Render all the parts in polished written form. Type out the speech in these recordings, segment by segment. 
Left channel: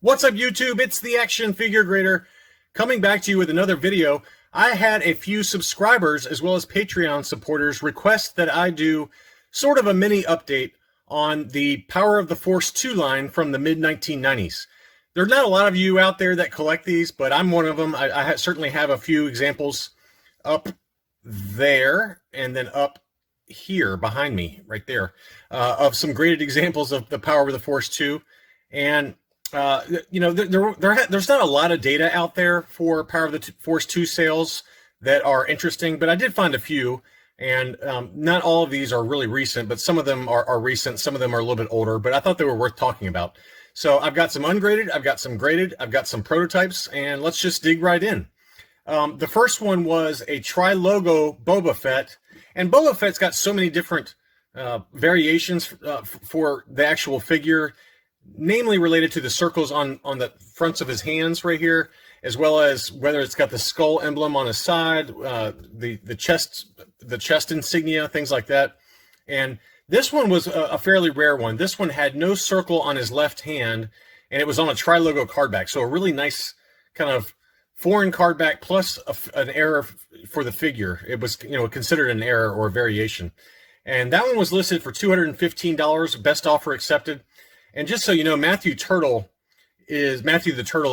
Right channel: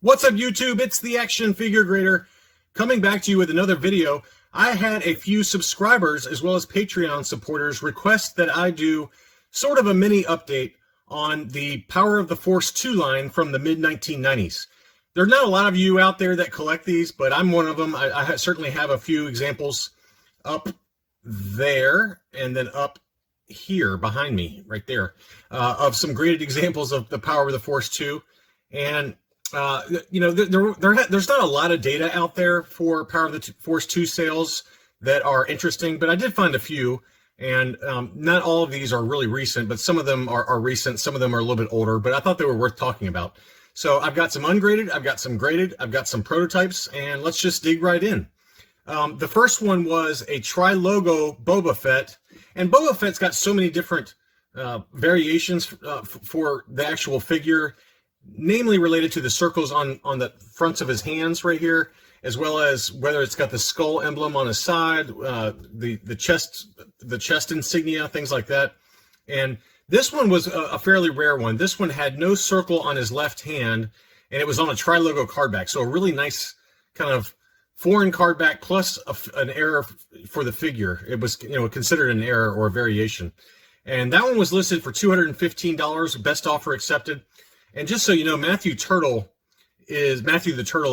What's up, YouTube? It's the Action Figure Grader coming back to you with another video. I had a few subscribers as well as Patreon supporters request that I do sort of a mini update on the Power of the Force 2 line from the mid-1990s. There are not a lot of you out there that collect these, but I'm one of them. I certainly have a few examples up there and then up here behind me, right there, of some graded examples of the Power of the Force 2. And there's not a lot of data out there for Power of the Force 2 sales that are interesting, but I did find a few, and not all of these are really recent, but some of them are recent, some of them are a little bit older, but I thought they were worth talking about. So I've got some ungraded, I've got some graded, I've got some prototypes, and let's just dig right in. The first one was a tri-logo Boba Fett, and Boba Fett's got so many different variations for the actual figure, namely related to the circles on the fronts of his hands right here, as well as whether it's got the skull emblem on his side, the chest insignia, things like that. And this one was a fairly rare one. This one had no circle on his left hand, and it was on a tri-logo card back. So a really nice kind of foreign card back plus an error for the figure. It was, considered an error or a variation. And that one was listed for $215, best offer accepted. And just so you know, Matthew the Turtle,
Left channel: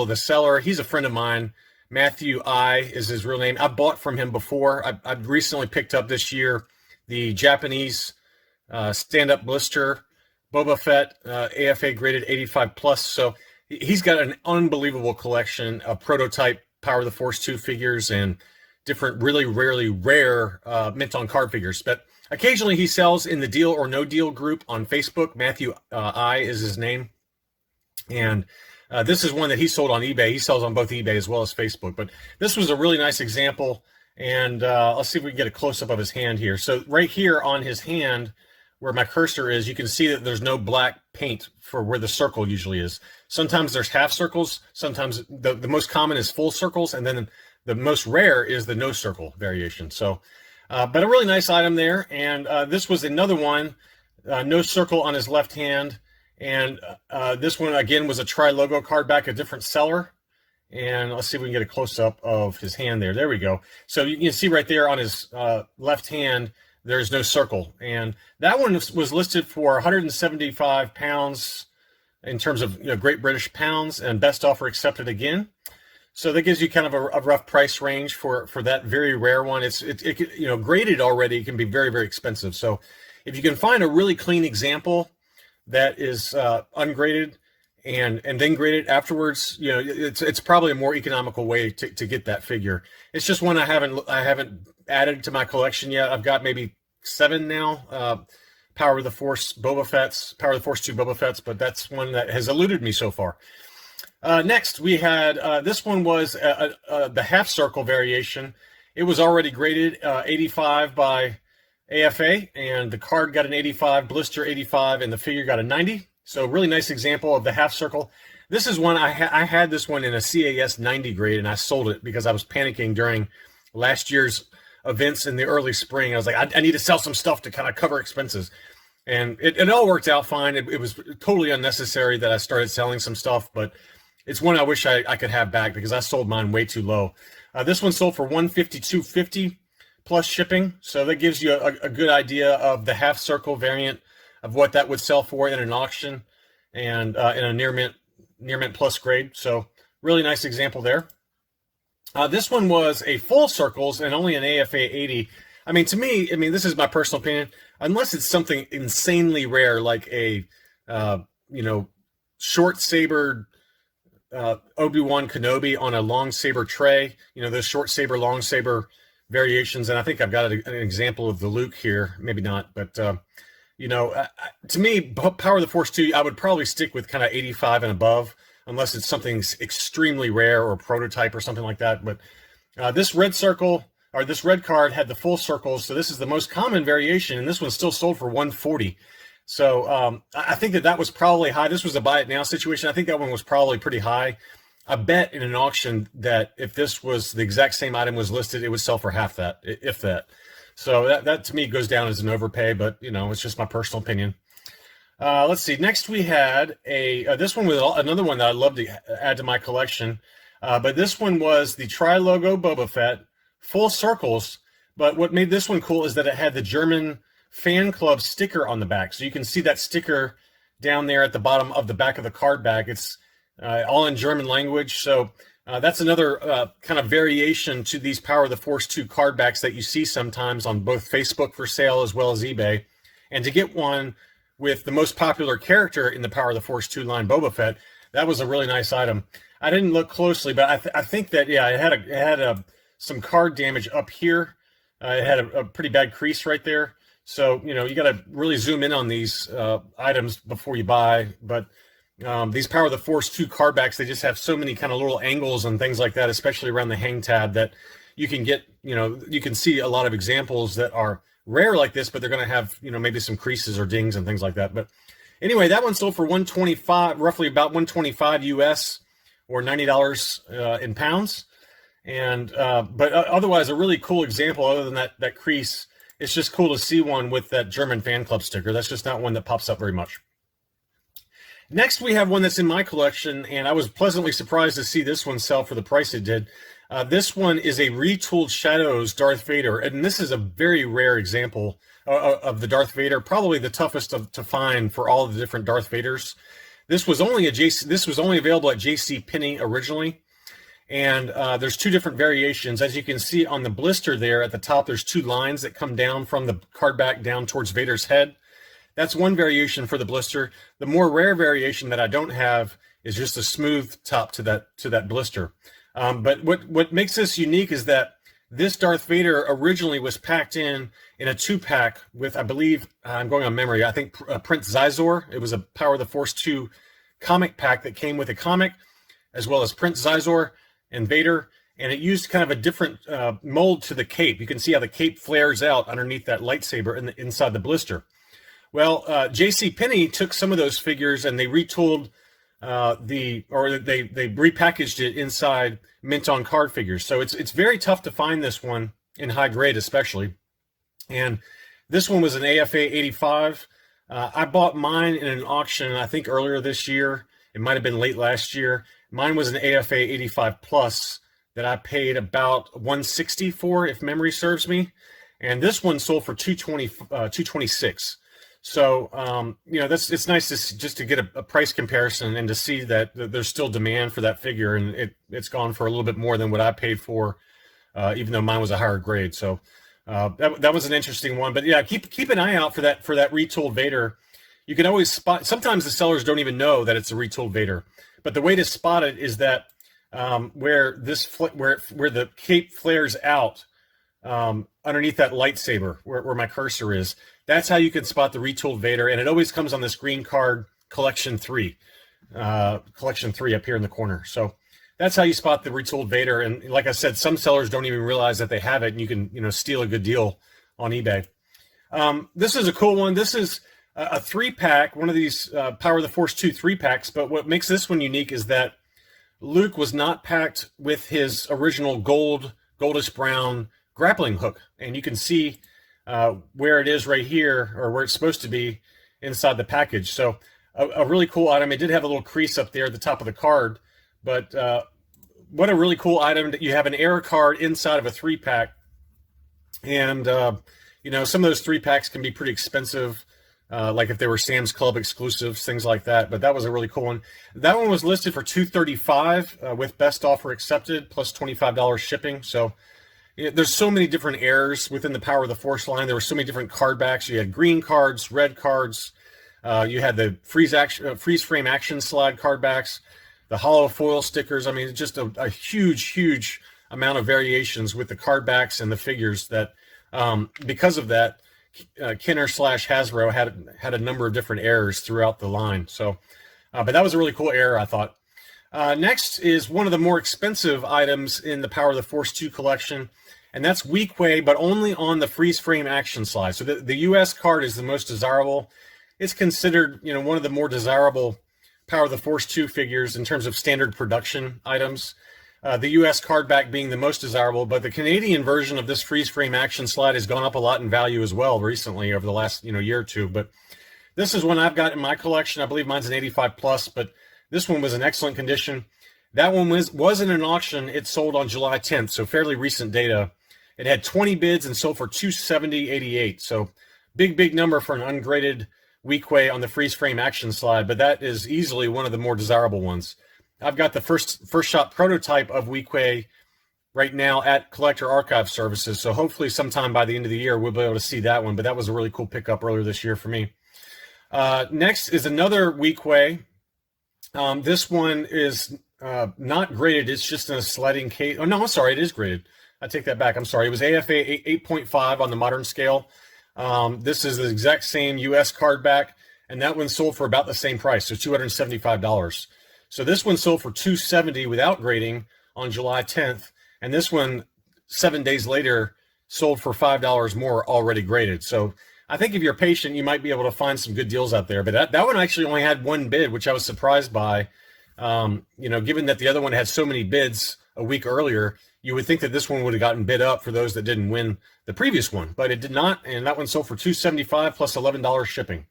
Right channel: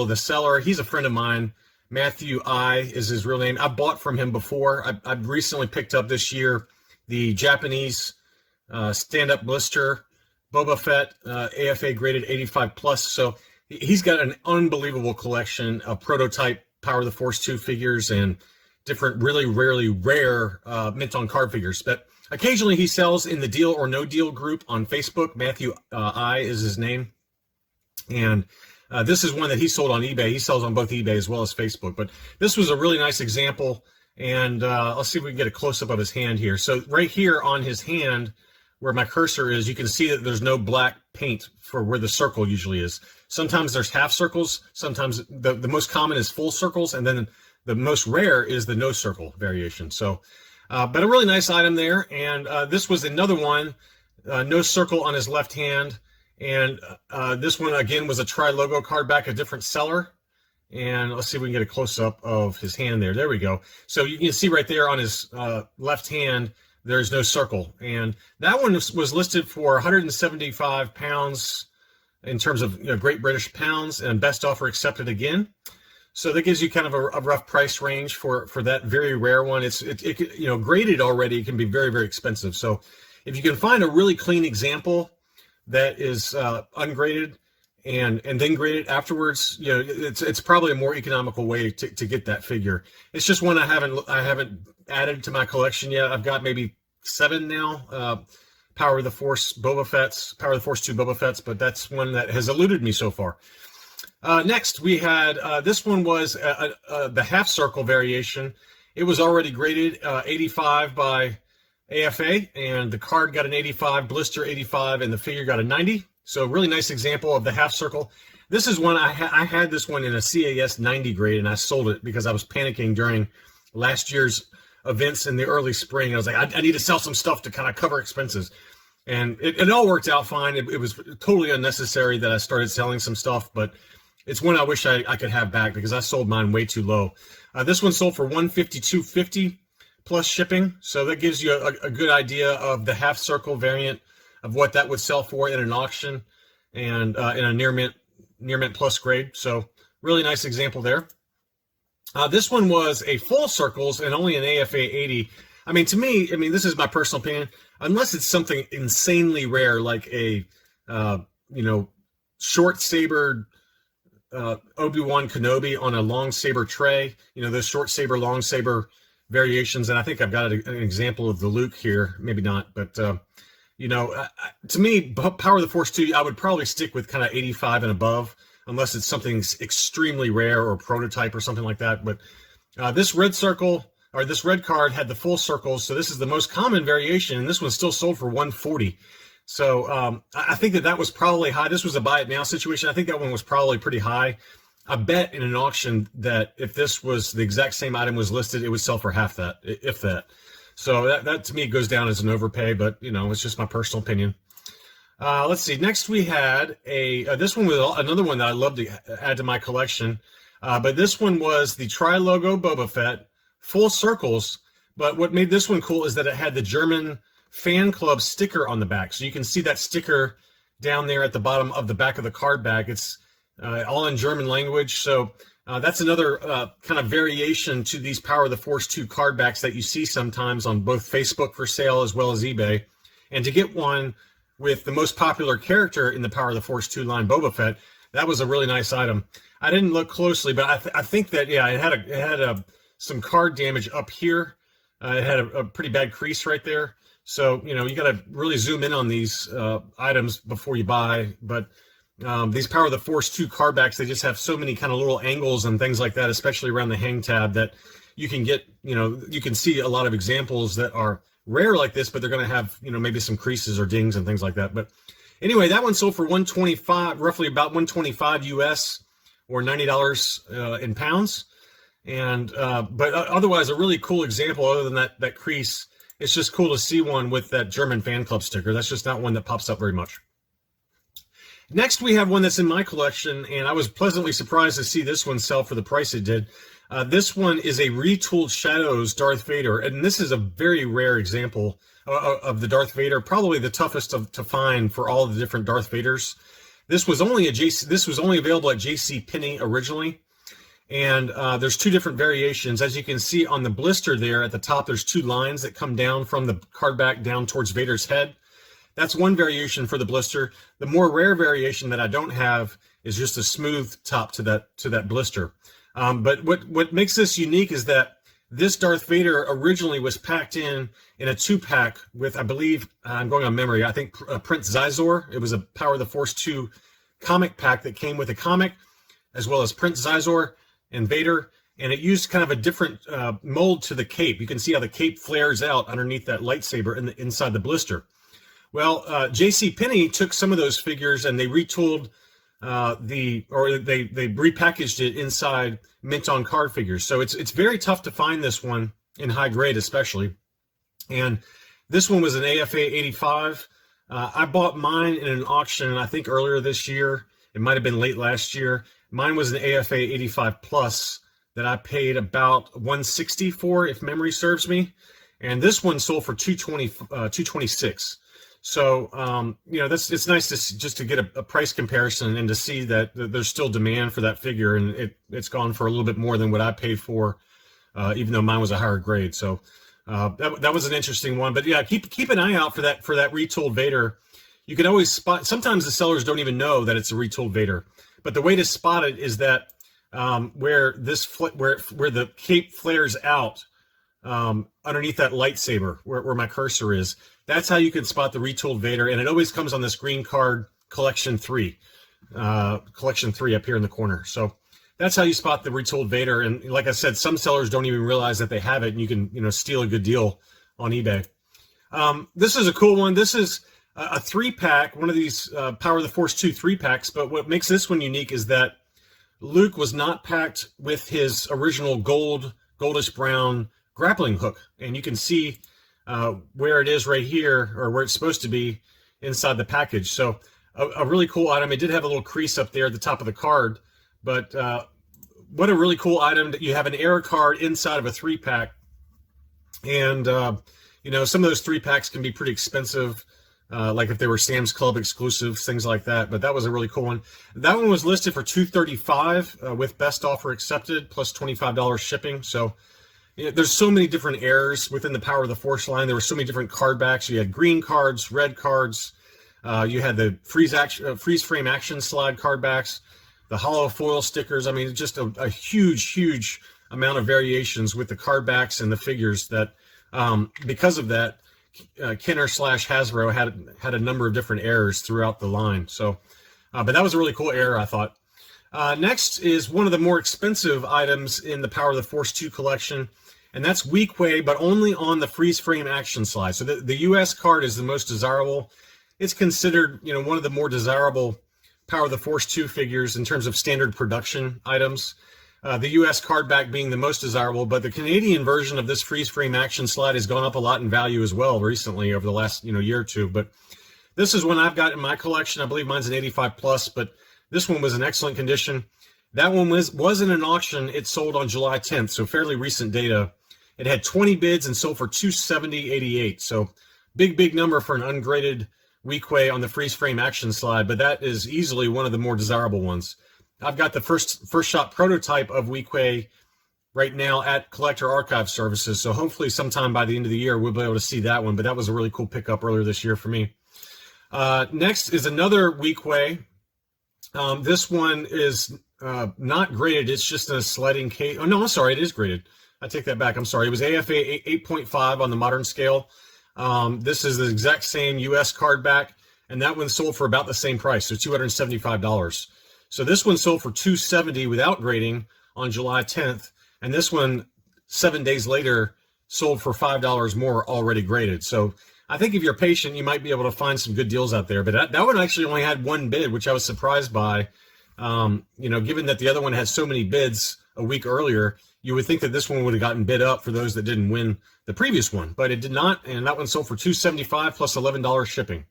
the seller. He's a friend of mine. Matthew I is his real name. I bought from him before. I've recently picked up this year the Japanese stand-up blister Boba Fett, AFA graded 85 plus. So he's got an unbelievable collection of prototype Power of the Force 2 figures and different really rare mint on card figures. But occasionally he sells in the Deal or No Deal group on Facebook. Matthew I is his name. And this is one that he sold on eBay. He sells on both eBay as well as Facebook. But this was a really nice example. And let's see if we can get a close-up of his hand here. So right here on his hand, where my cursor is, you can see that there's no black paint for where the circle usually is. Sometimes there's half circles. Sometimes the most common is full circles. And then the most rare is the no circle variation. So but a really nice item there. And this was another one, no circle on his left hand. And this one, again, was a tri-logo card back, a different seller. And let's see if we can get a close-up of his hand there. There we go. So you can see right there on his left hand, there's no circle. And that one was listed for 175 pounds in terms of Great British pounds, and best offer accepted again. So that gives you kind of a rough price range for that very rare one. It graded already can be very expensive. So if you can find a really clean example that is ungraded and then graded afterwards, it's probably a more economical way to get that figure. It's just one I haven't added to my collection yet. I've got maybe 7 now. Power of the Force Boba Fett's, Power of the Force 2 Boba Fett's, but that's one that has eluded me so far. Next, we had, this one was the half circle variation. It was already graded 85 by AFA, and the card got an 85, blister 85, and the figure got a 90. So really nice example of the half circle. This is one, I had this one in a CAS 90 grade, and I sold it because I was panicking during last year's events in the early spring. I was like, I need to sell some stuff to kind of cover expenses. And it all worked out fine. It was totally unnecessary that I started selling some stuff, but it's one I wish I could have back because I sold mine way too low. This one sold for $152.50 plus shipping. So that gives you a good idea of the half circle variant of what that would sell for in an auction and in a near mint plus grade. So really nice example there. This one was a full circles and only an AFA 80. I mean, to me, this is my personal opinion, unless it's something insanely rare, like a, short saber Obi-Wan Kenobi on a long saber tray, those short saber, long saber variations. And I think I've got an example of the Luke here, maybe not, but, to me, Power of the Force 2, I would probably stick with kind of 85 and above, unless it's something extremely rare or prototype or something like that. But this red circle, or this red card, had the full circles, so this is the most common variation, and this one still sold for $140. So I think that was probably high. This was a buy it now situation. I think that one was probably pretty high. I bet in an auction that if this was the exact same item was listed, it would sell for half that, if that. So that to me goes down as an overpay, but it's just my personal opinion. Let's see. Next, we had this one was another one that I love to add to my collection. But this one was the Tri-Logo Boba Fett, full circles. But what made this one cool is that it had the German fan club sticker on the back. So you can see that sticker down there at the bottom of the back of the card back. It's all in German language. So that's another kind of variation to these Power of the Force 2 card backs that you see sometimes on both Facebook for sale as well as eBay. And to get one with the most popular character in the Power of the Force 2 line, Boba Fett, that was a really nice item. I didn't look closely, but I think that, yeah, it had some card damage up here. It had a pretty bad crease right there. So, you know, you got to really zoom in on these items before you buy. But these Power of the Force 2 card backs, they just have so many kind of little angles and things like that, especially around the hang tab, that you can get, you know, you can see a lot of examples that are rare like this, but they're going to have, you know, maybe some creases or dings and things like that. But anyway, that one sold for $125, roughly about $125 US, or $90 in pounds. And but otherwise, a really cool example. Other than that crease, it's just cool to see one with that German fan club sticker. That's just not one that pops up very much. Next, we have one that's in my collection, and I was pleasantly surprised to see this one sell for the price it did. This one is a retooled Shadows Darth Vader, and this is a very rare example of the Darth Vader, probably the toughest to find for all the different Darth Vaders. This was only available at JCPenney originally, and there's two different variations. As you can see on the blister there at the top, there's two lines that come down from the card back down towards Vader's head. That's one variation for the blister. The more rare variation that I don't have is just a smooth top to that blister. But what makes this unique is that this Darth Vader originally was packed in a 2-pack with, I believe, I'm going on memory, I think Prince Zizor. It was a Power of the Force 2 comic pack that came with a comic, as well as Prince Zizor and Vader, and it used kind of a different mold to the cape. You can see how the cape flares out underneath that lightsaber inside the blister. Well, JCPenney took some of those figures and they retooled they repackaged it inside mint on card figures. So it's very tough to find this one in high grade, especially. And this one was an AFA 85. I bought mine in an auction, I think earlier this year. It might have been late last year. Mine was an AFA 85 plus that I paid about $160 for, if memory serves me. And this one sold for $226. So, you know, it's nice just to get a price comparison and to see that there's still demand for that figure, and it's gone for a little bit more than what I paid for, even though mine was a higher grade. So that was an interesting one. But yeah, keep an eye out for that retooled Vader. You can always spot. Sometimes the sellers don't even know that it's a retooled Vader, but the way to spot it is that where the cape flares out underneath that lightsaber, where my cursor is. That's how you can spot the retooled Vader, and it always comes on this green card, Collection 3 up here in the corner. So that's how you spot the retooled Vader. And like I said, some sellers don't even realize that they have it, and you can, you know, steal a good deal on eBay. This is a cool one. This is a 3-pack, one of these Power of the Force 2 3-packs. But what makes this one unique is that Luke was not packed with his original goldish brown grappling hook, and you can see where it is right here, or where it's supposed to be inside the package. So a really cool item. It did have a little crease up there at the top of the card, but what a really cool item that you have an error card inside of a 3-pack. And you know, some of those 3-packs can be pretty expensive, like if they were Sam's Club exclusives, things like that. But that was a really cool one. That one was listed for $235 with best offer accepted plus $25 shipping. So there's so many different errors within the Power of the Force line. There were so many different card backs. You had green cards, red cards. You had the freeze frame action slide card backs, the hollow foil stickers. I mean, just a huge amount of variations with the card backs and the figures that, because of that, Kenner/Hasbro had a number of different errors throughout the line. So, but that was a really cool error, I thought. Next is one of the more expensive items in the Power of the Force 2 collection, and that's Weequay, but only on the freeze frame action slide. So the US card is the most desirable. It's considered, you know, one of the more desirable Power of the Force 2 figures in terms of standard production items. The US card back being the most desirable, but the Canadian version of this freeze frame action slide has gone up a lot in value as well recently over the last, you know, year or two. But This is one I've got in my collection. I believe mine's an 85 plus, but this one was in excellent condition. That one wasn't an auction. It sold on July 10th, so fairly recent data. It had 20 bids and sold for $270.88. So big number for an ungraded Weequay on the freeze frame action slide, but that is easily one of the more desirable ones. I've got the first shot prototype of Weequay right now at Collector Archive Services, so hopefully sometime by the end of the year we'll be able to see that one, but that was a really cool pickup earlier this year for me. Next is another Weequay. This one is not graded, it's just in a sliding case. Oh no, I'm sorry, it is graded. I take that back, I'm sorry. It was AFA 8.5 on the modern scale. This is the exact same US card back, and that one sold for about the same price, so $275. So this one sold for $270 without grading on July 10th, and this one 7 days later sold for $5 more already graded. So I think if you're patient, you might be able to find some good deals out there. But that one actually only had one bid, which I was surprised by. You know, given that the other one had so many bids a week earlier, you would think that this one would have gotten bid up for those that didn't win the previous one, but it did not, and that one sold for $275 plus $11 shipping.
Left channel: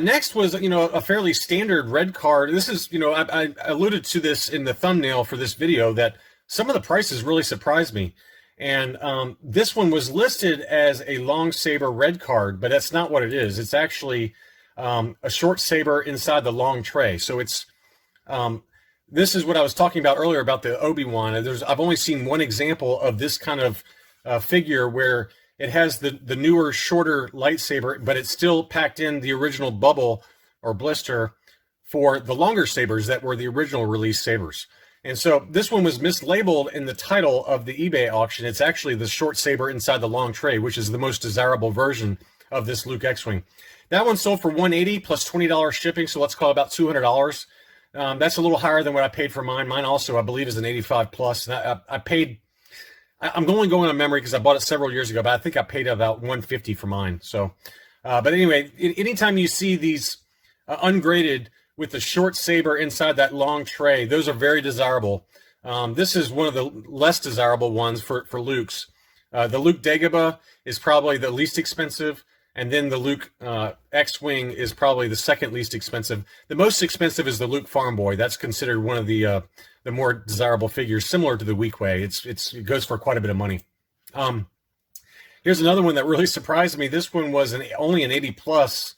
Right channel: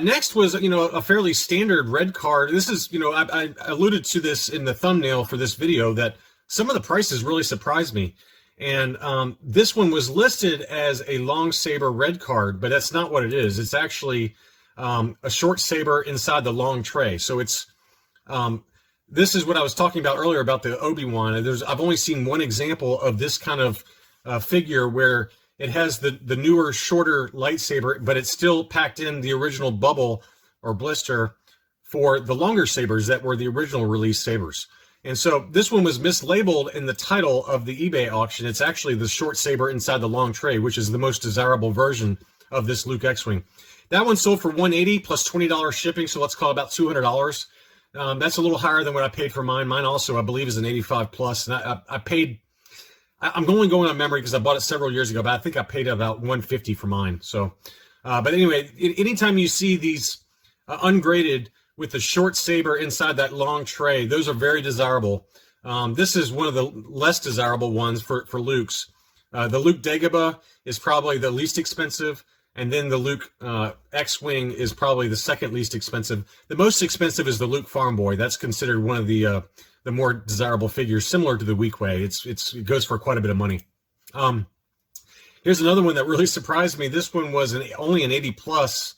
Next was, you know, a fairly standard red card. This is, you know, I alluded to this in the thumbnail for this video that some of the prices really surprised me. And this one was listed as a long saber red card, but that's not what it is. It's actually a short saber inside the long tray. So it's, this is what I was talking about earlier about the Obi-Wan. I've only seen one example of this kind of figure where it has the newer, shorter lightsaber, but it's still packed in the original bubble or blister for the longer sabers that were the original release sabers. And so this one was mislabeled in the title of the eBay auction. It's actually the short saber inside the long tray, which is the most desirable version of this Luke X-Wing. That one sold for $180 plus $20 shipping, so let's call it about $200. That's a little higher than what I paid for mine. Mine also, I believe, is an 85 plus. And I paid, I'm only going on memory because I bought it several years ago, but I think I paid about $150 for mine. So, but anyway, anytime you see these ungraded with the short saber inside that long tray, those are very desirable. This is one of the less desirable ones for Luke's. The Luke Dagobah is probably the least expensive, and then the Luke X-Wing is probably the second least expensive. The most expensive is the Luke Farm Boy. That's considered one of the more desirable figures, similar to the Weequay. It goes for quite a bit of money. Here's another one that really surprised me. This one was only an 80 plus.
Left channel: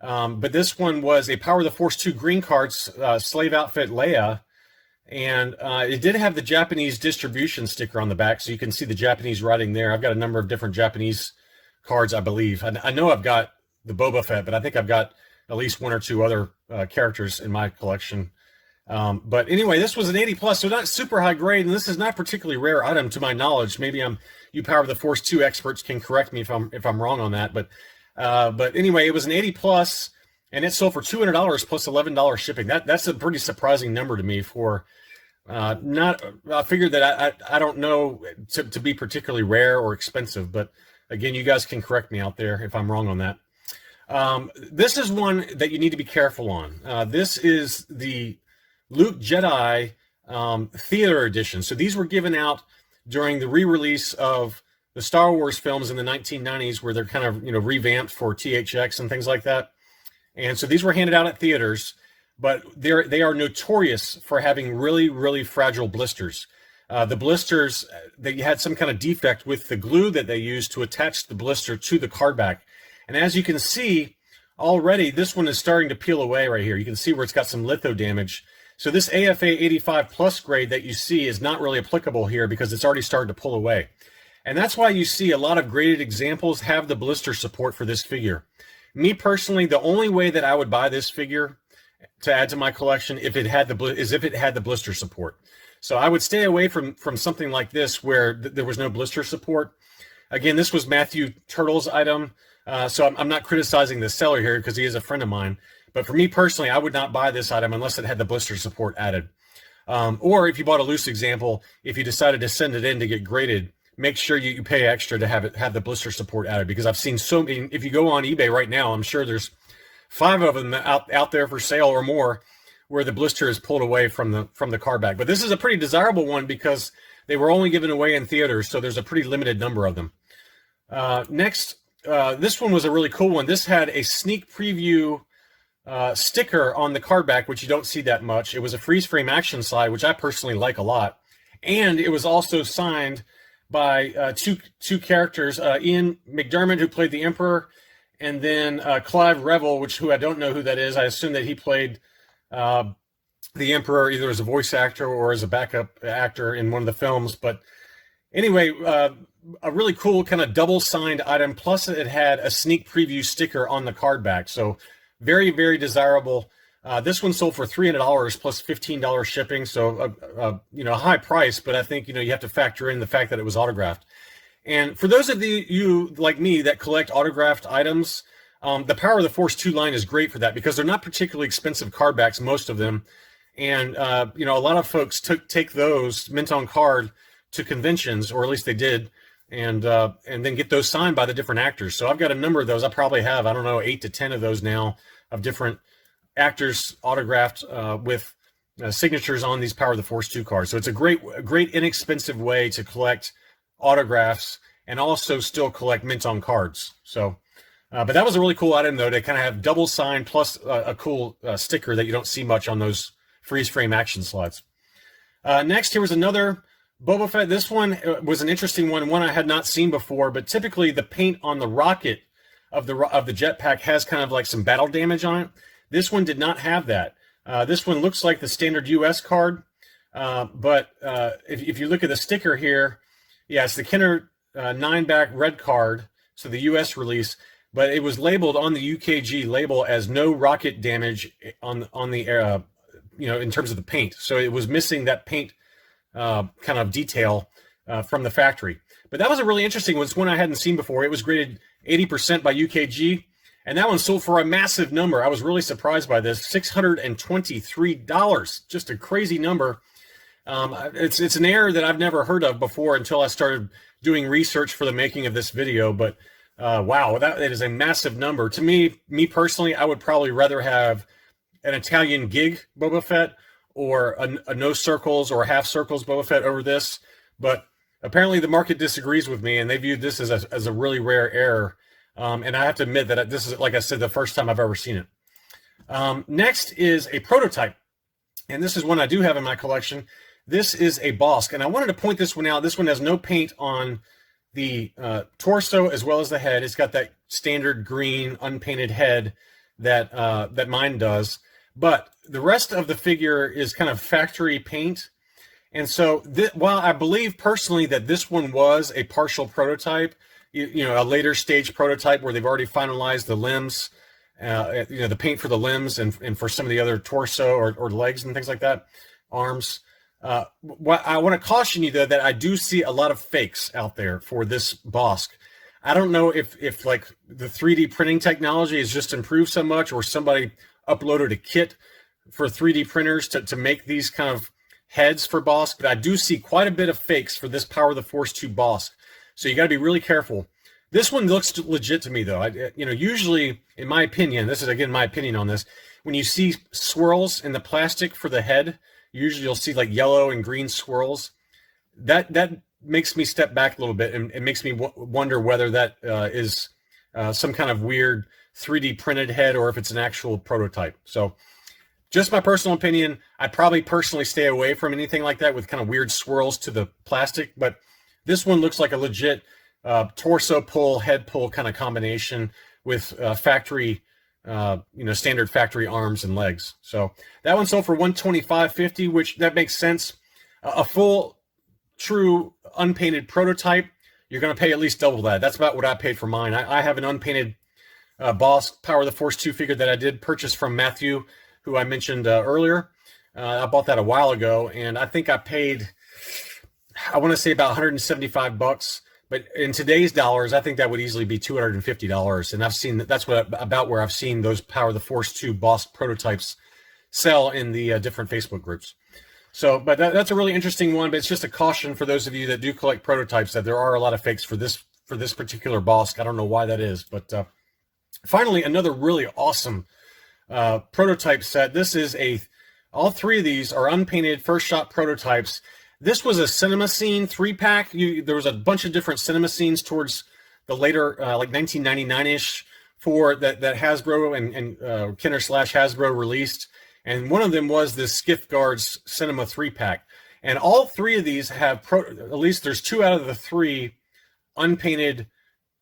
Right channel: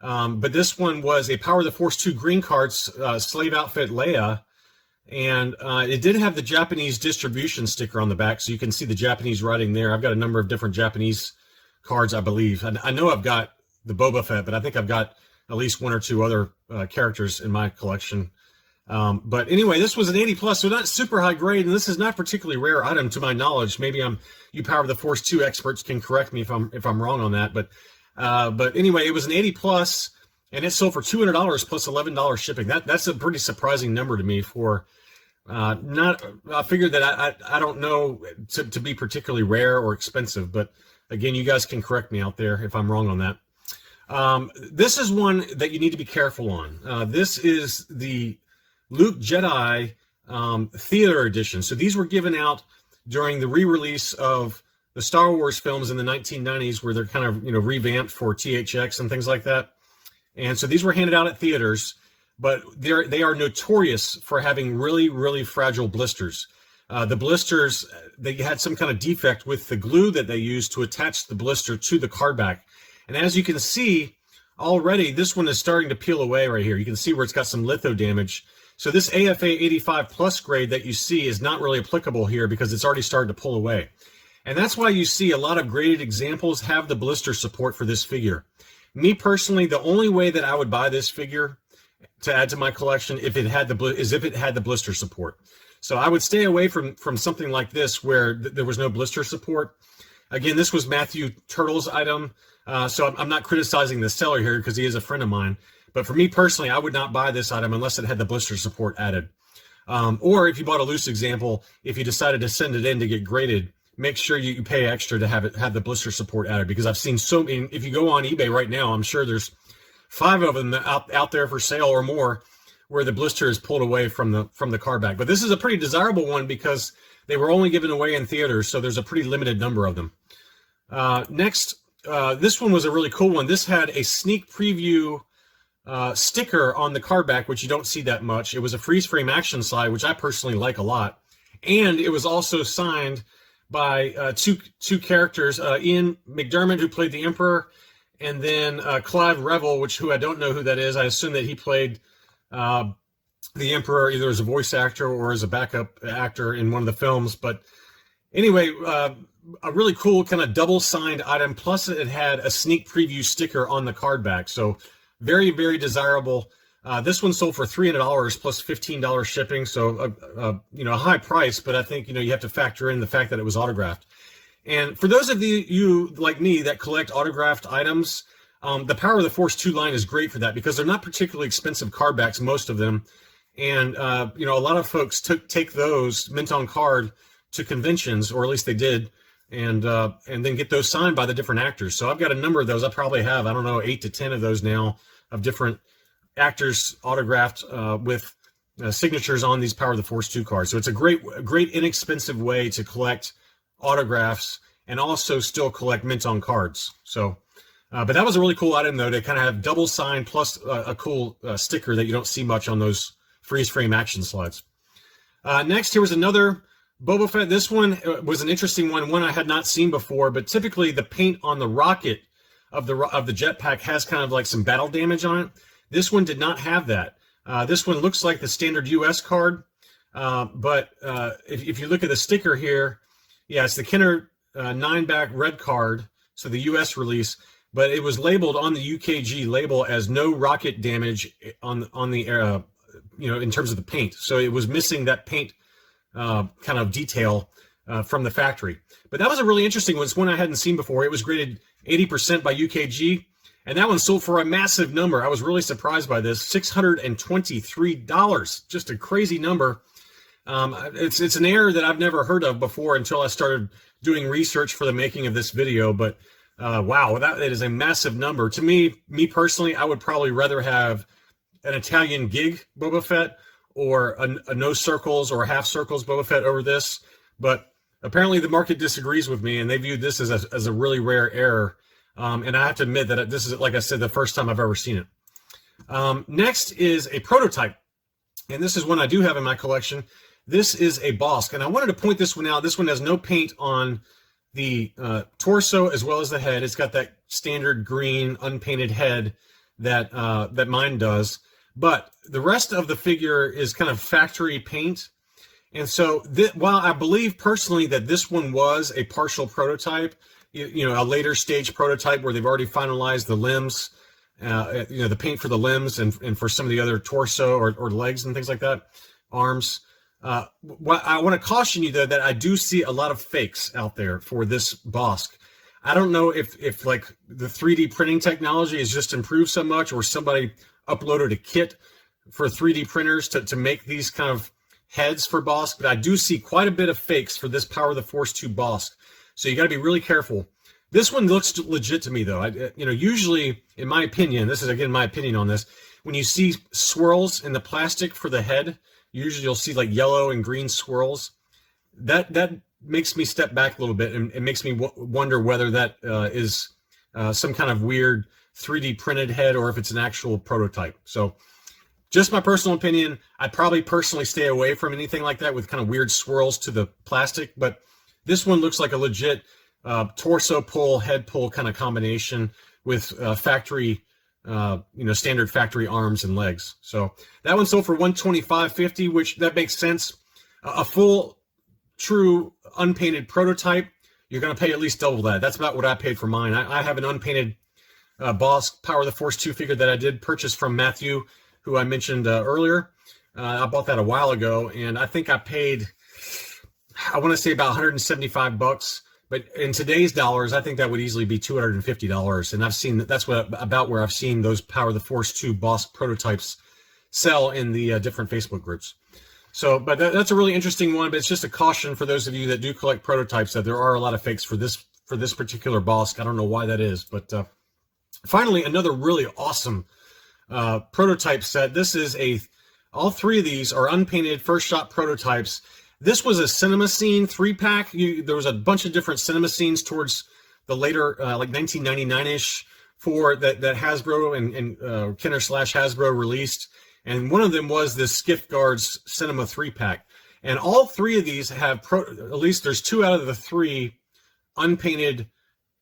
But this one was a Power of the Force 2 green cards slave outfit Leia, and it did have the Japanese distribution sticker on the back, so you can see the Japanese writing there. I've got a number of different Japanese cards, I believe. I know I've got the Boba Fett, but I think I've got at least one or two other characters in my collection. But anyway, this was an 80 plus, so not super high grade, and this is not a particularly rare item to my knowledge. Maybe you Power of the Force 2 experts can correct me if I'm wrong on that, but anyway, it was an 80 plus, and it sold for $200 plus $11 shipping. That's a pretty surprising number to me for not. I figured that I don't know to be particularly rare or expensive, but again, you guys can correct me out there if I'm wrong on that. This is one that you need to be careful on. This is the Luke Jedi Theater Edition. So these were given out during the re-release of the Star Wars films in the 1990s, where they're kind of, you know, revamped for THX and things like that. And so these were handed out at theaters, but they are notorious for having really fragile blisters. The blisters, they had some kind of defect with the glue that they used to attach the blister to the card back. And as you can see already, this one is starting to peel away right here. You can see where it's got some litho damage. So this AFA 85 plus grade that you see is not really applicable here because it's already started to pull away. And that's why you see a lot of graded examples have the blister support for this figure. Me personally, the only way that I would buy this figure to add to my collection if it had the blister support. So I would stay away from something like this where there was no blister support. Again, this was Matthew Turtle's item, so I'm not criticizing the seller here because he is a friend of mine. But for me personally, I would not buy this item unless it had the blister support added. Or if you bought a loose example, if you decided to send it in to get graded, make sure you pay extra to have the blister support added, because I've seen so many. If you go on eBay right now, I'm sure there's 5 of them out there for sale or more where the blister is pulled away from the card back. But this is a pretty desirable one because they were only given away in theaters, so there's a pretty limited number of them. Next, this one was a really cool one. This had a sneak preview sticker on the card back, which you don't see that much. It was a freeze frame action slide, which I personally like a lot. And it was also signed by two characters, Ian McDermott, who played the Emperor, and then Clive Revel, who I don't know who that is. I assume that he played the Emperor either as a voice actor or as a backup actor in one of the films. But anyway, a really cool kind of double signed item. Plus, it had a sneak preview sticker on the card back. So very, very desirable. This one sold for $300 plus $15 shipping. So, a high price, but I think, you have to factor in the fact that it was autographed. And for those of you like me that collect autographed items, the Power of the Force 2 line is great for that because they're not particularly expensive card backs, most of them. And, a lot of folks take those mint on card to conventions, or at least they did, and then get those signed by the different actors. So I've got a number of those. I probably have, 8 to 10 of those now of different actors autographed with signatures on these Power of the Force 2 cards. So it's a great inexpensive way to collect autographs and also still collect mint on cards. So, but that was a really cool item though, to kind of have double sign plus a cool sticker that you don't see much on those freeze frame action slides. Next, here was another Boba Fett. This one was an interesting one I had not seen before, but typically the paint on the rocket of the jetpack has kind of like some battle damage on it. This one did not have that. This one looks like the standard US card, but if you look at the sticker here, yeah, it's the Kenner 9-back red card, so the US release, but it was labeled on the UKG label as no rocket damage on the in terms of the paint. So it was missing that paint kind of detail from the factory. But that was a really interesting one. It's one I hadn't seen before. It was graded 80% by UKG, and that one sold for a massive number. I was really surprised by this, $623, just a crazy number. It's an error that I've never heard of before until I started doing research for the making of this video. But wow, that is a massive number. To me personally, I would probably rather have an Italian gig Boba Fett or a no circles or half circles Boba Fett over this. But apparently the market disagrees with me, and they viewed this as a really rare error. And I have to admit that this is, like I said, the first time I've ever seen it. Next is a prototype. And this is one I do have in my collection. This is a Bosk, and I wanted to point this one out. This one has no paint on the torso as well as the head. It's got that standard green unpainted head that mine does, but the rest of the figure is kind of factory paint. And so while I believe personally that this one was a partial prototype, a later stage prototype where they've already finalized the limbs, the paint for the limbs and for some of the other torso or legs and things like that, arms. What I want to caution you though, that I do see a lot of fakes out there for this Bosk. I don't know if like the 3D printing technology has just improved so much, or somebody uploaded a kit for 3D printers to make these kind of heads for Bosk, but I do see quite a bit of fakes for this Power of the Force 2 Bosk. So you got to be really careful. This one looks legit to me though. Usually, in my opinion, this is again my opinion on this, when you see swirls in the plastic for the head, usually you'll see like yellow and green swirls. That makes me step back a little bit, and it makes me wonder whether that is some kind of weird 3D printed head or if it's an actual prototype. So just my personal opinion, I'd probably personally stay away from anything like that with kind of weird swirls to the plastic. But this one looks like a legit torso pull, head pull kind of combination with factory standard factory arms and legs. So that one sold for $125.50, which that makes sense. A full, true, unpainted prototype, you're going to pay at least double that. That's about what I paid for mine. I have an unpainted Bosk Power of the Force 2 figure that I did purchase from Matthew, who I mentioned earlier. I bought that a while ago, and I think I paid, I want to say about $175. But in today's dollars, I think that would easily be $250. And I've seen that's about where I've seen those Power of the Force 2 Bosk prototypes sell in the different Facebook groups. So, but that's a really interesting one. But it's just a caution for those of you that do collect prototypes that there are a lot of fakes for this particular Bosk. I don't know why that is. But finally, another really awesome prototype set. This is all three of these are unpainted first shot prototypes. This was a cinema scene 3-pack. There was a bunch of different cinema scenes towards the later, like 1999-ish for that Hasbro and Kenner / Hasbro released. And one of them was the Skiff Guards Cinema 3-pack. And all three of these have, at least there's 2 out of the 3 unpainted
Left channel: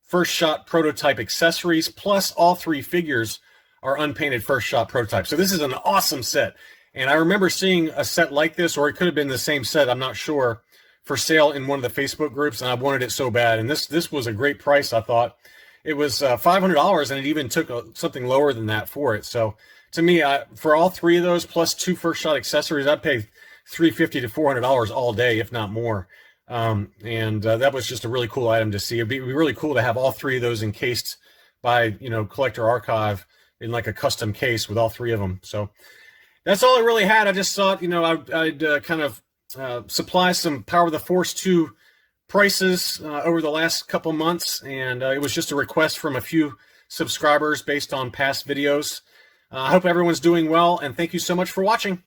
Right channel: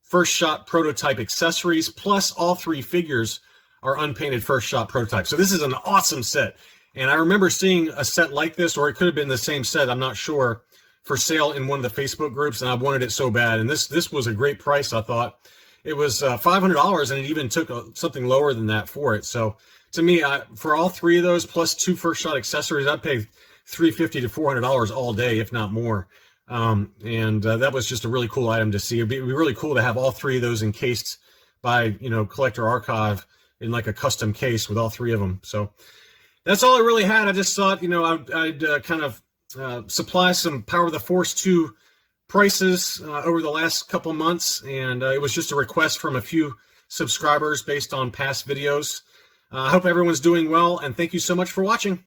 first shot prototype accessories, plus all 3 figures are unpainted first shot prototypes. So this is an awesome set. And I remember seeing a set like this, or it could have been the same set, I'm not sure, for sale in one of the Facebook groups, and I wanted it so bad. And this was a great price, I thought. It was $500, and it even took something lower than that for it. So to me, for all 3 of those, plus 2 first shot accessories, I'd pay $350 to $400 all day, if not more. That was just a really cool item to see. It'd be really cool to have all 3 of those encased by, Collector Archive in like a custom case with all 3 of them. So that's all I really had. I just thought, I'd kind of supply some Power of the Force 2 prices over the last couple months, and it was just a request from a few subscribers based on past videos. I hope everyone's doing well, and thank you so much for watching.